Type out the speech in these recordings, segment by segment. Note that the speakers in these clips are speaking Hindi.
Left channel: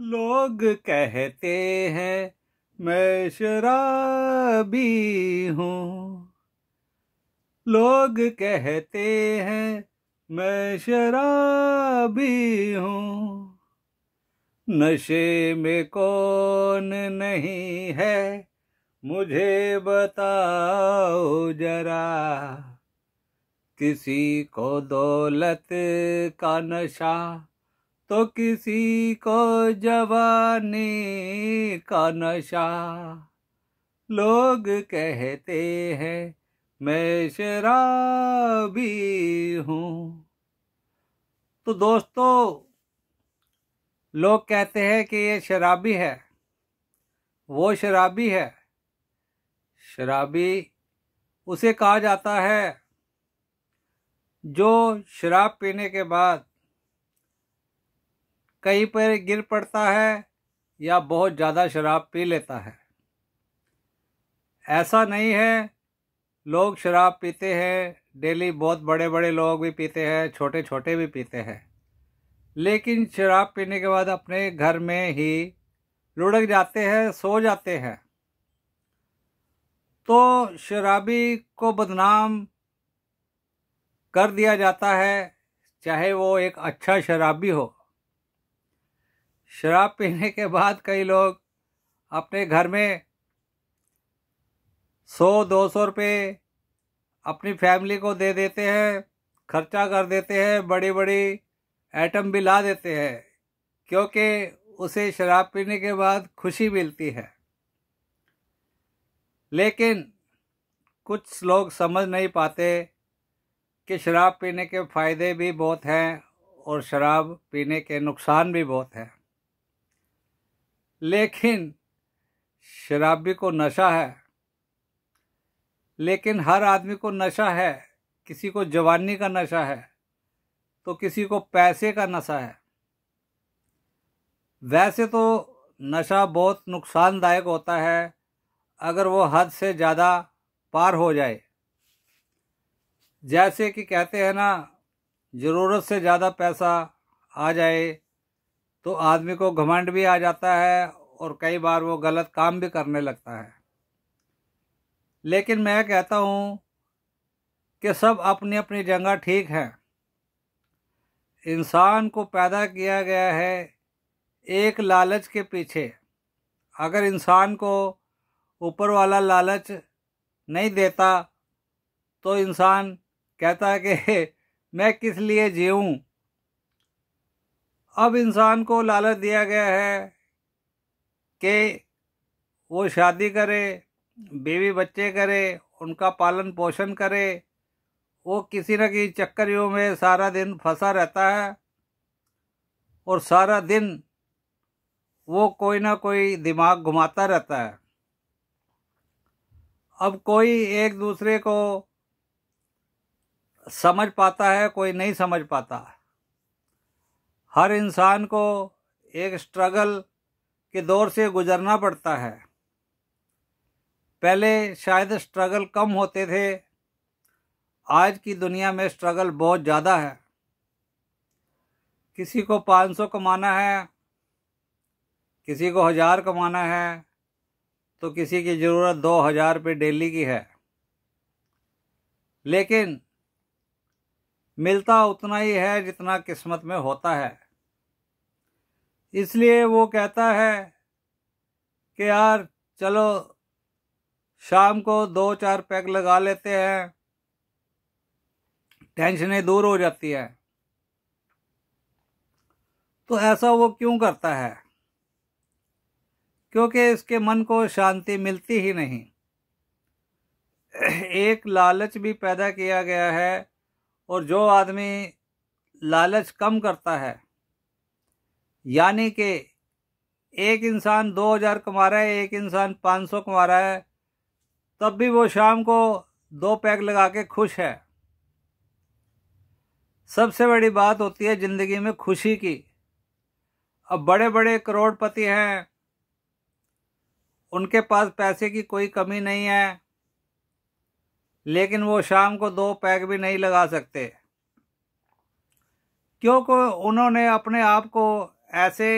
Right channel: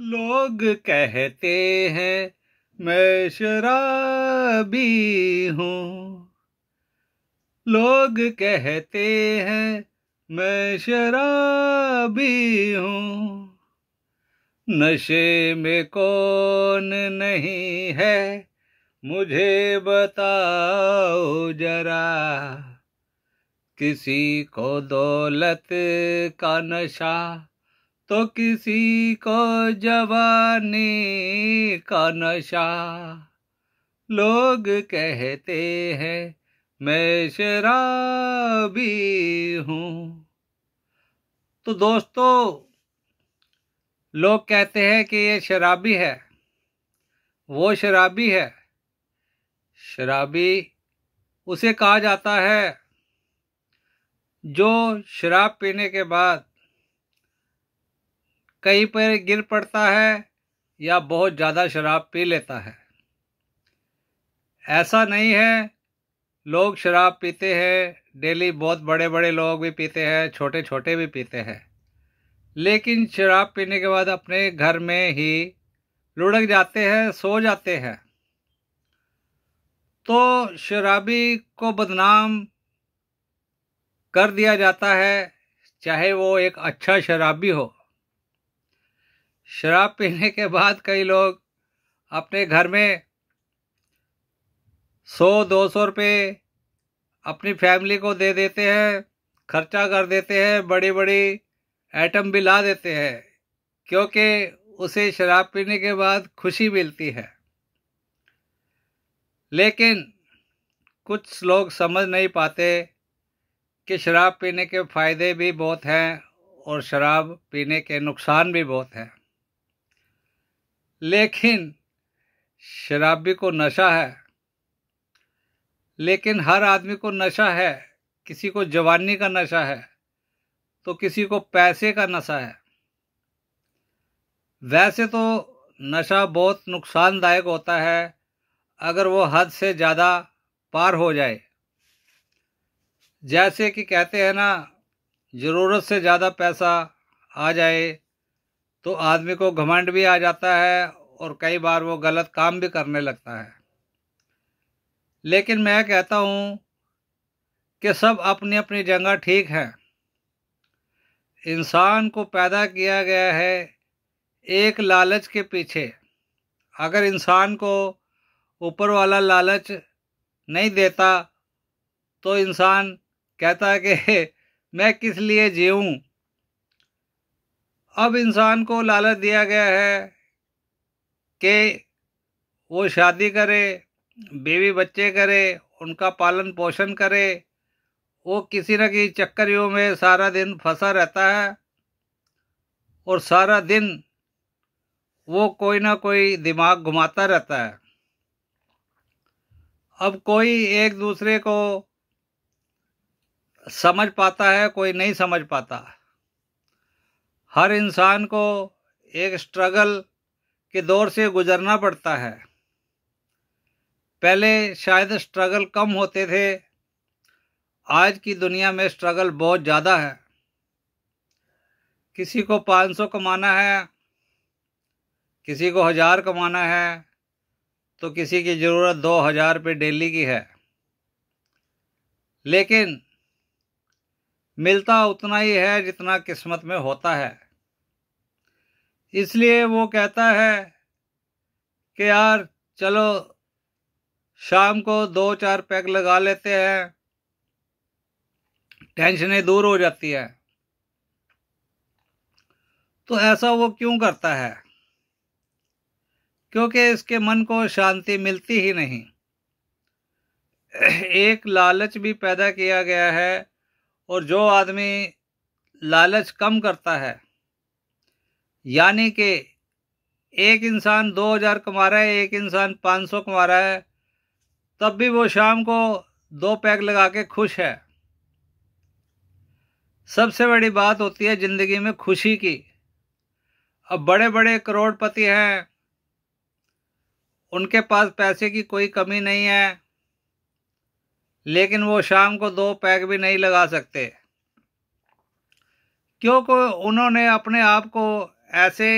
लोग कहते हैं मैं शराबी हूँ। लोग कहते हैं मैं शराबी हूँ। नशे में कौन नहीं है मुझे बताओ जरा। किसी को दौलत का नशा तो किसी को जवानी का नशा। लोग कहते हैं मैं शराबी हूँ। तो दोस्तों, लोग कहते हैं कि ये शराबी है, वो शराबी है। शराबी उसे कहा जाता है जो शराब पीने के बाद कहीं पर गिर पड़ता है या बहुत ज़्यादा शराब पी लेता है। ऐसा नहीं है, लोग शराब पीते हैं डेली, बहुत बड़े बड़े लोग भी पीते हैं, छोटे छोटे भी पीते हैं, लेकिन शराब पीने के बाद अपने घर में ही लुढ़क जाते हैं, सो जाते हैं। तो शराबी को बदनाम कर दिया जाता है, चाहे वो एक अच्छा शराबी हो। शराब पीने के बाद कई लोग अपने घर में 100-200 रुपये अपनी फैमिली को दे देते हैं, खर्चा कर देते हैं, बड़ी बड़ी आइटम भी ला देते हैं, क्योंकि उसे शराब पीने के बाद खुशी मिलती है। लेकिन कुछ लोग समझ नहीं पाते कि शराब पीने के फ़ायदे भी बहुत हैं और शराब पीने के नुकसान भी बहुत हैं। लेकिन शराबी को नशा है, लेकिन हर आदमी को नशा है। किसी को जवानी का नशा है तो किसी को पैसे का नशा है। वैसे तो नशा बहुत नुकसानदायक होता है अगर वो हद से ज़्यादा पार हो जाए। जैसे कि कहते हैं ना, ज़रूरत से ज़्यादा पैसा आ जाए तो आदमी को घमंड भी आ जाता है और कई बार वो गलत काम भी करने लगता है। लेकिन मैं कहता हूँ कि सब अपनी अपनी जगह ठीक है। इंसान को पैदा किया गया है एक लालच के पीछे। अगर इंसान को ऊपर वाला लालच नहीं देता तो इंसान कहता है कि मैं किस लिए जीऊँ। अब इंसान को लालच दिया गया है कि वो शादी करे, बीवी बच्चे करे, उनका पालन पोषण करे। वो किसी न किसी चक्करियों में सारा दिन फंसा रहता है और सारा दिन वो कोई ना कोई दिमाग घुमाता रहता है। अब कोई एक दूसरे को समझ पाता है, कोई नहीं समझ पाता। हर इंसान को एक स्ट्रगल के दौर से गुजरना पड़ता है। पहले शायद स्ट्रगल कम होते थे, आज की दुनिया में स्ट्रगल बहुत ज़्यादा है। किसी को 500 कमाना है, किसी को 1000 कमाना है, तो किसी की ज़रूरत 2000 रुपये डेली की है। लेकिन मिलता उतना ही है जितना किस्मत में होता है। इसलिए वो कहता है कि यार चलो शाम को 2-4 पैग लगा लेते हैं, टेंशनें दूर हो जाती है। तो ऐसा वो क्यों करता है? क्योंकि इसके मन को शांति मिलती ही नहीं। एक लालच भी पैदा किया गया है और जो आदमी लालच कम करता है, यानी कि एक इंसान 2000 कमा रहा है, एक इंसान 500 कमा रहा है, तब भी वो शाम को 2 पैग लगा के खुश है। सबसे बड़ी बात होती है ज़िंदगी में खुशी की। अब बड़े बड़े करोड़पति हैं, उनके पास पैसे की कोई कमी नहीं है, लेकिन वो शाम को 2 पैग भी नहीं लगा सकते, क्योंकि उन्होंने अपने आप को ऐसे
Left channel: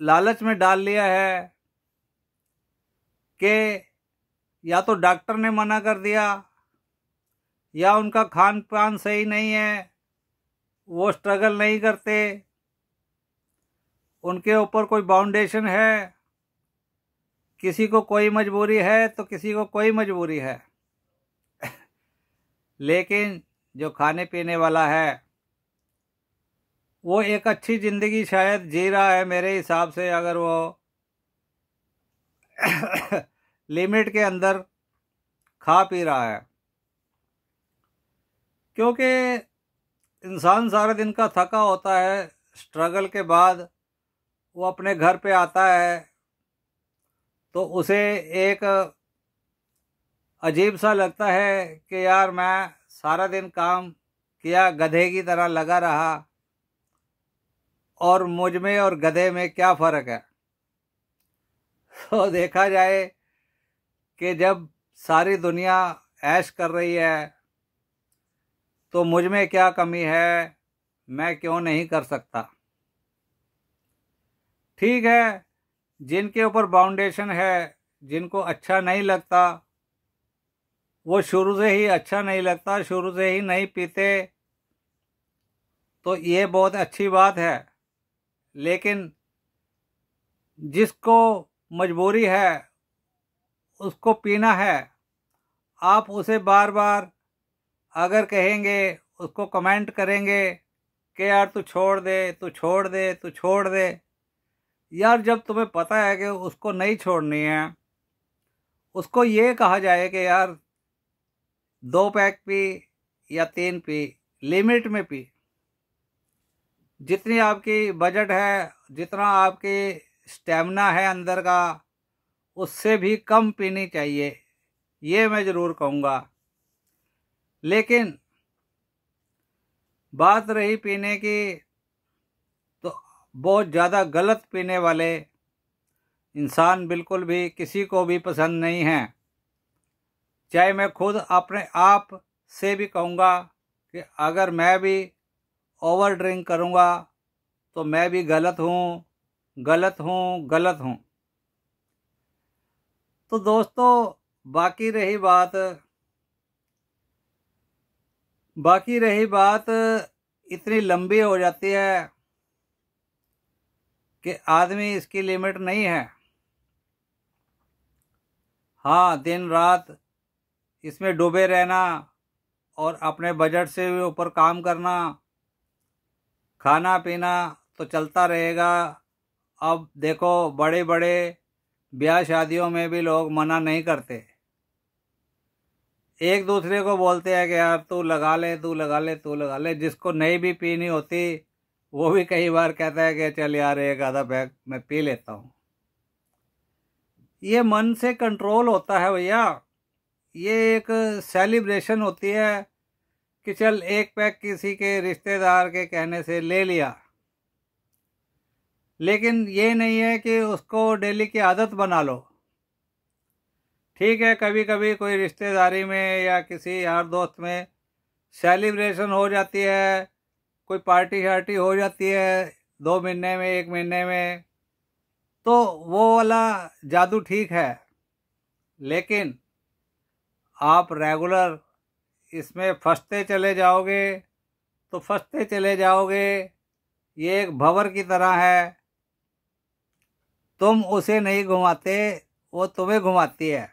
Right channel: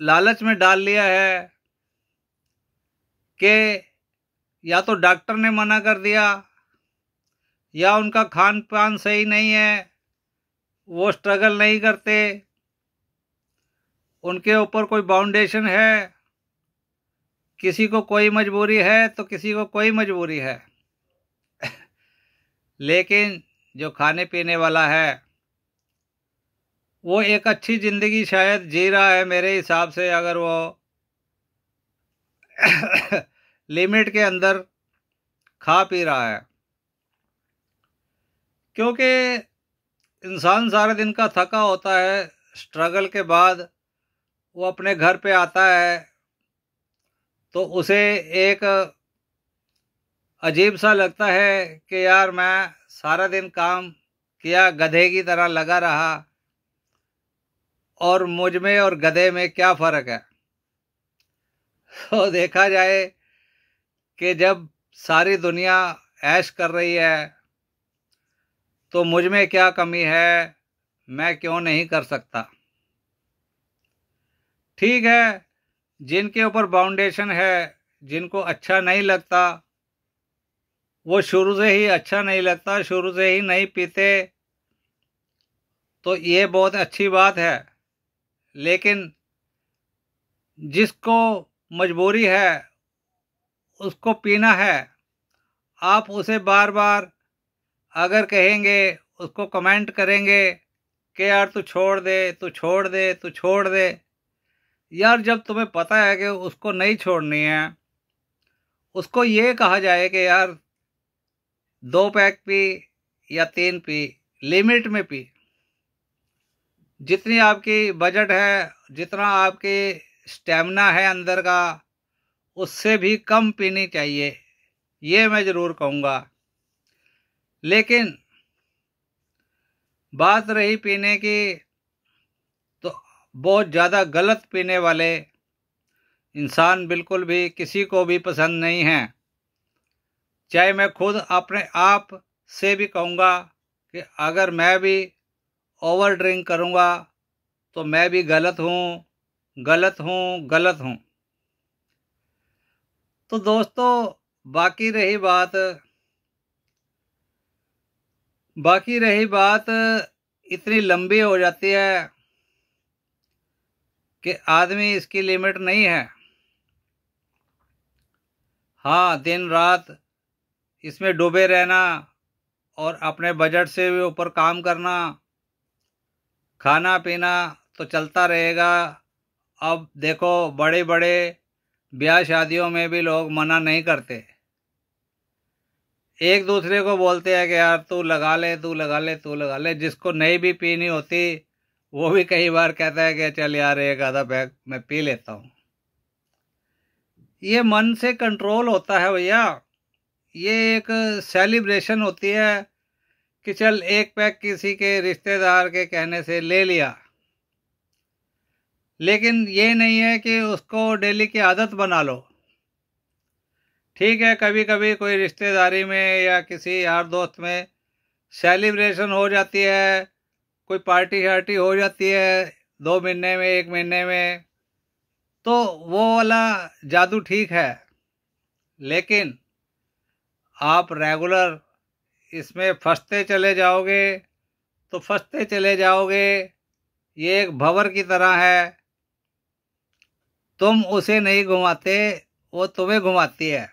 लालच में डाल लिया है कि या तो डॉक्टर ने मना कर दिया या उनका खान पान सही नहीं है, वो स्ट्रगल नहीं करते, उनके ऊपर कोई बाउंडेशन है, किसी को कोई मजबूरी है तो किसी को कोई मजबूरी है। लेकिन जो खाने पीने वाला है वो एक अच्छी ज़िंदगी शायद जी रहा है मेरे हिसाब से, अगर वो लिमिट के अंदर खा पी रहा है। क्योंकि इंसान सारे दिन का थका होता है, स्ट्रगल के बाद वो अपने घर पे आता है तो उसे एक अजीब सा लगता है कि यार मैं सारा दिन काम किया, गधे की तरह लगा रहा, और मुझ में और गधे में क्या फ़र्क है। तो देखा जाए कि जब सारी दुनिया ऐश कर रही है तो मुझ में क्या कमी है, मैं क्यों नहीं कर सकता। ठीक है, जिनके ऊपर बाउंडेशन है, जिनको अच्छा नहीं लगता, वो शुरू से ही अच्छा नहीं लगता, शुरू से ही नहीं पीते, तो ये बहुत अच्छी बात है। लेकिन जिसको मजबूरी है, उसको पीना है, आप उसे बार बार अगर कहेंगे, उसको कमेंट करेंगे कि यार तू छोड़ दे, तू छोड़ दे, तू छोड़ दे, यार जब तुम्हें पता है कि उसको नहीं छोड़नी है, उसको ये कहा जाए कि यार 2 पैक पी या 3 पी, लिमिट में पी। जितनी आपकी बजट है, जितना आपकी स्टेमिना है अंदर का, उससे भी कम पीनी चाहिए, ये मैं ज़रूर कहूँगा। लेकिन बात रही पीने की, तो बहुत ज़्यादा गलत पीने वाले इंसान बिल्कुल भी किसी को भी पसंद नहीं हैं। चाहे मैं खुद अपने आप से भी कहूँगा कि अगर मैं भी ओवर ड्रिंक करूँगा तो मैं भी गलत हूँ, गलत हूँ, गलत हूँ। तो दोस्तों, बाकी रही बात इतनी लंबी हो जाती है कि आदमी इसकी लिमिट नहीं है। हाँ, दिन रात इसमें डूबे रहना और अपने बजट से भी ऊपर काम करना, खाना पीना तो चलता रहेगा। अब देखो, बड़े बड़े ब्याह शादियों में भी लोग मना नहीं करते, एक दूसरे को बोलते हैं कि यार तू लगा ले, तू लगा ले, तू लगा ले। जिसको नहीं भी पीनी होती वो भी कई बार कहता है कि चल यार एक आधा पैक मैं पी लेता हूँ। ये मन से कंट्रोल होता है भैया, ये एक सेलिब्रेशन होती है कि चल 1 पैक किसी के रिश्तेदार के कहने से ले लिया। लेकिन ये नहीं है कि उसको डेली की आदत बना लो। ठीक है, कभी कभी कोई रिश्तेदारी में या किसी यार दोस्त में सेलिब्रेशन हो जाती है, कोई पार्टी शार्टी हो जाती है 2 महीने में, 1 महीने में, तो वो वाला जादू ठीक है। लेकिन आप रेगुलर इसमें फंसते चले जाओगे तो फंसते चले जाओगे। ये एक भंवर की तरह है, तुम उसे नहीं घुमाते, वो तुम्हें घुमाती है।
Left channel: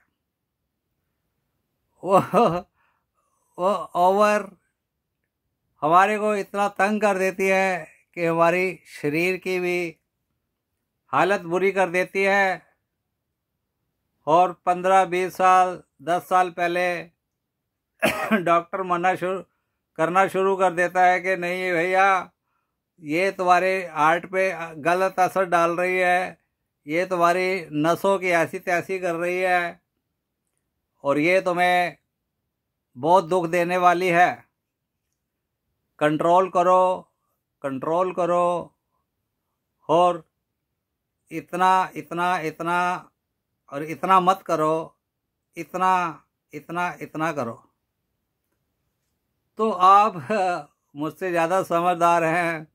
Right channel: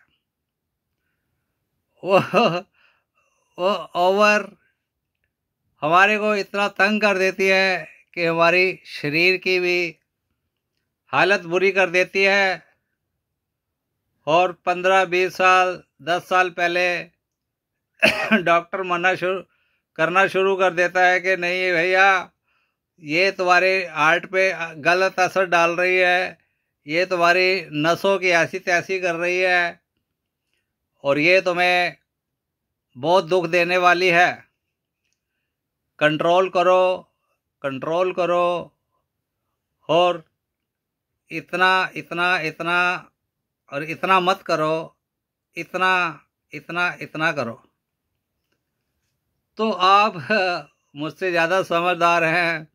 वो वो ओवर हमारे को इतना तंग कर देती है कि हमारी शरीर की भी हालत बुरी कर देती है। और 15-20 साल 10 साल पहले डॉक्टर करना शुरू कर देता है कि नहीं भैया, ये तुम्हारे हार्ट पे गलत असर डाल रही है, ये तुम्हारी नसों की ऐसी तैसी कर रही है और ये तुम्हें बहुत दुख देने वाली है। कंट्रोल करो, कंट्रोल करो, और इतना इतना इतना और इतना मत करो, इतना इतना इतना करो। तो आप मुझसे ज़्यादा समझदार हैं,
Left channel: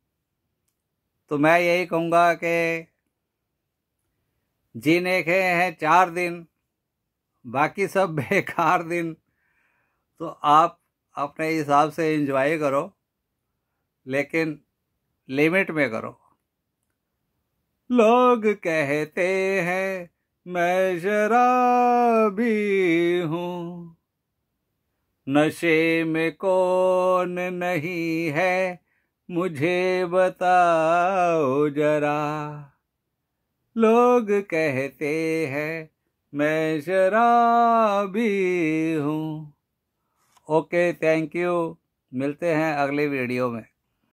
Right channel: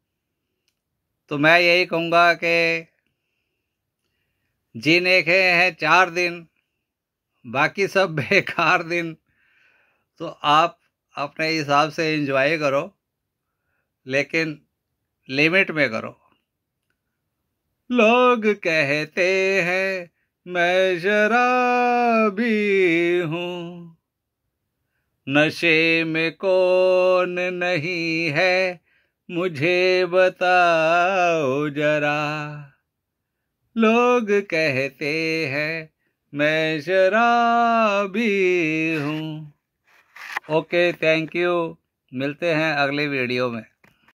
तो मैं यही कहूँगा कि जीने के हैं 4 दिन, बाकी सब बेकार दिन। तो आप अपने हिसाब से एंजॉय करो, लेकिन लिमिट में करो। लोग कहते हैं मैं शराबी हूँ, नशे में कौन नहीं है, मुझे बताओ जरा। लोग कहते हैं मैं शराबी हूँ। Okay, thank you. मिलते हैं अगले वीडियो में।